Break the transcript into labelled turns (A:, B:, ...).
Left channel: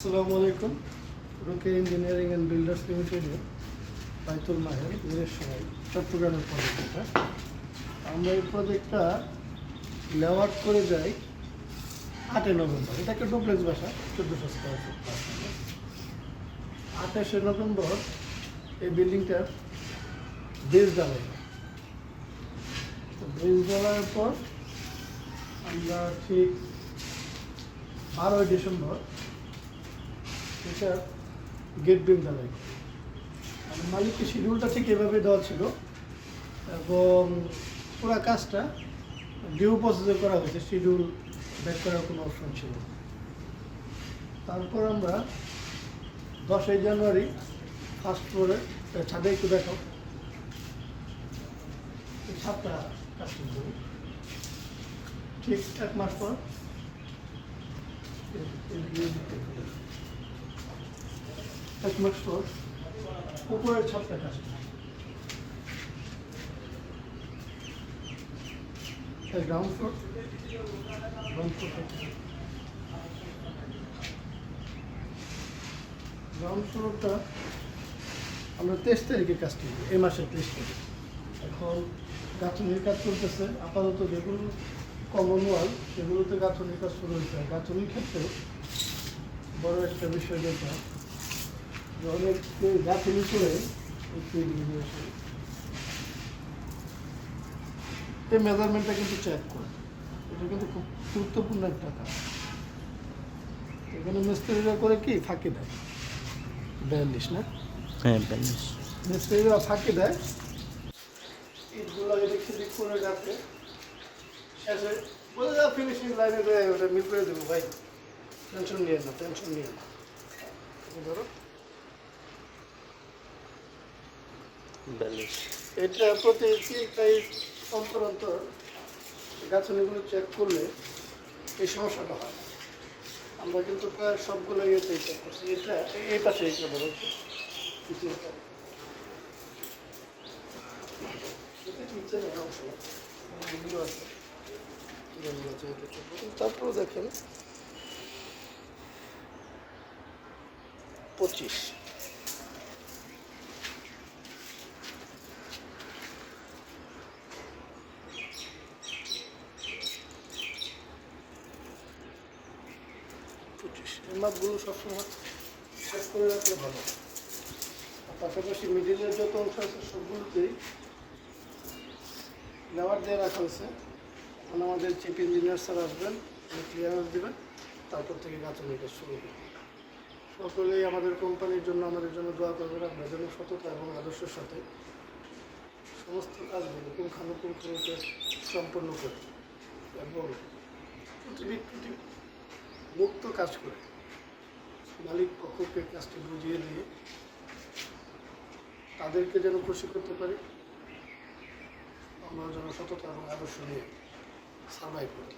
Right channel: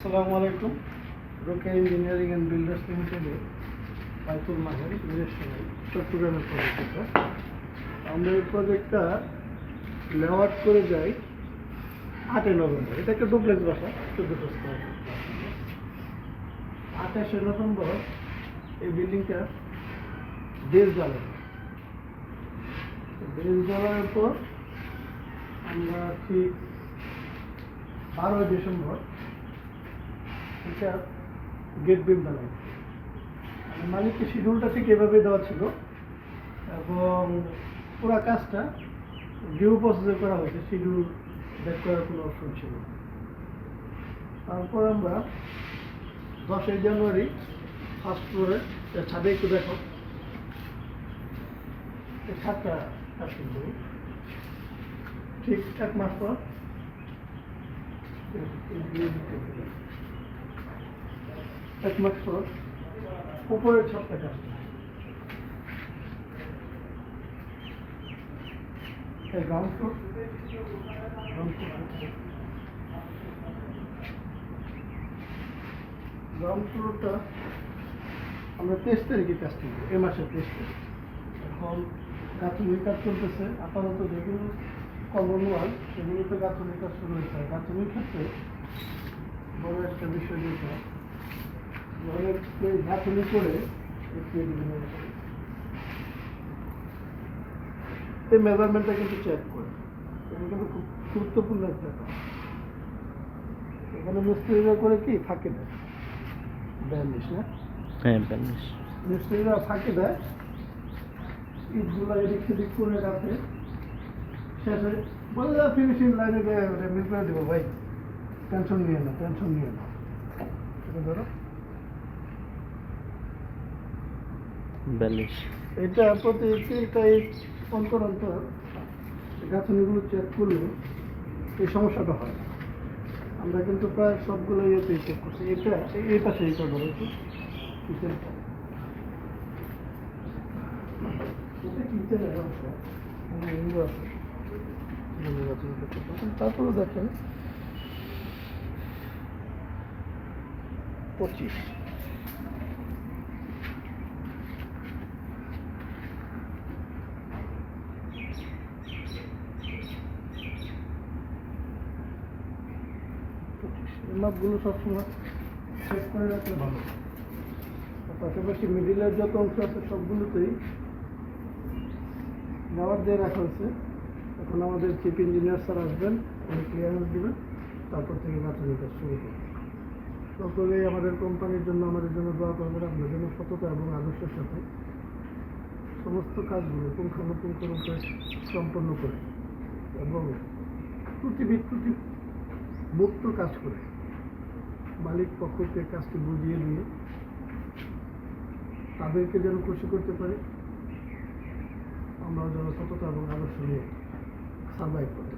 A: আসসালামু আলাইকুম। রোকে engineering and builders লিমিটেডে বাইতুল মাহের নিজস্ব চট্টগ্রামের প্রজেক্ট আমরা এই প্রজেক্টটা লেআউট করে যাই আটই নভেম্বর। এটা একটা ডুপ্লেক্স বাসা চোদ্দোশো স্কোয়ার আঠাশে নভেম্বর এই বিল্ডিংটা দেশ জ্বালায় দেশ জ্বালানোর পর আমরা ঠিক বারোই ডিসেম্বর এটা গেট বিল জ্বালাই মালিককে শিডিউলটা ঠিক এভাবে দেওয়া ছিল। এবং পুরো কাজটা ডিউ প্রসেসে করা হয়েছে, শিডিউল ব্যাক করার কোনো অপশন ছিল তারপর আমরা দশই জানুয়ারি ফার্স্ট ফ্লোরে ছাদে একটু দেখো। ছাদটা কাজ কিন্তু ঠিক এক মাস পর এক মাস পর উপরের ছাদটা কাজ করে। এই ground floor ground floor ground ফ্লোরটা আমরা তেইশ তারিখে কাজ করি, এ মাসের তেইশ তারিখ। এখন গাছনির কাজ চলতেছে, আপাতত যেগুলো কমন ওয়াল সেগুলোতে গাছনির কাজ শুরু হয়েছে। গাছনির ক্ষেত্রে বড় একটা বিষয় যেটা কেউ করে এই মেজারমেন্টটা কিন্তু চেক করে। এটা কিন্তু খুব গুরুত্বপূর্ণ একটা কাজ। এখানে মিস্ত্রিরা করে কি? ফাঁকি দেয়। বিয়াল্লিশ না?
B: হ্যাঁ ব্যালেন্স
A: মিস্ত্রিরা ফাঁকি দেয়। ইটগুলো এদিক সেদিক করে রাখে শেষে বলে যাও ফিনিশিং লাইনে দেয় ওটা মিল করে দেবো ভাই। টেনশন নিয়ে না টেনশন নিয়ে না। ধরো।
B: ব্যালেন্স
A: এটা প্রতি তিনটাই অন্তর অন্তর গাছনিগুলো চেক করলে এই সমস্যাটা হয়। আমরা কিন্তু প্রায় সবগুলো ইয়েতেই চেক করছি। এটা এই পাশে এটা বলেছি কিচেনটা কিচেনের অংশ। হ্যাঁ, এগুলো। তারপরে দেখেন। পঁচিশ। পঁচিশ এই মাপগুলো সবসময় চেক করে রাখলে ভালো পাশাপাশি মিডিলের যত অংশ আছে সবগুলোতেই নেওয়ার দিয়ে রাখা হয়েছে। এখন আমাদের চিফ ইঞ্জিনিয়ার স্যার আসবেন ক্লিয়ারেন্স দেবেন, তারপর থেকে গাছের কাজ শুরু হবে। সকলেই আমাদের কোম্পানির জন্য, আমাদের জন্য দোয়া করবেন আমরা যেন সততা এবং আদর্শের সাথে। সমস্ত কাজগুলো পুঙ্খানুপুঙ্খরূপে সম্পন্ন করি এবং ত্রুটি ত্রুটি মুক্ত কাজ করে। মালিক পক্ষকে কাজটি বুঝিয়ে দিয়ে তাদেরকে যেন খুশি করতে পারে। আমরা যেন সততা এবং আদর্শ নিয়ে সার্ভাইভ করি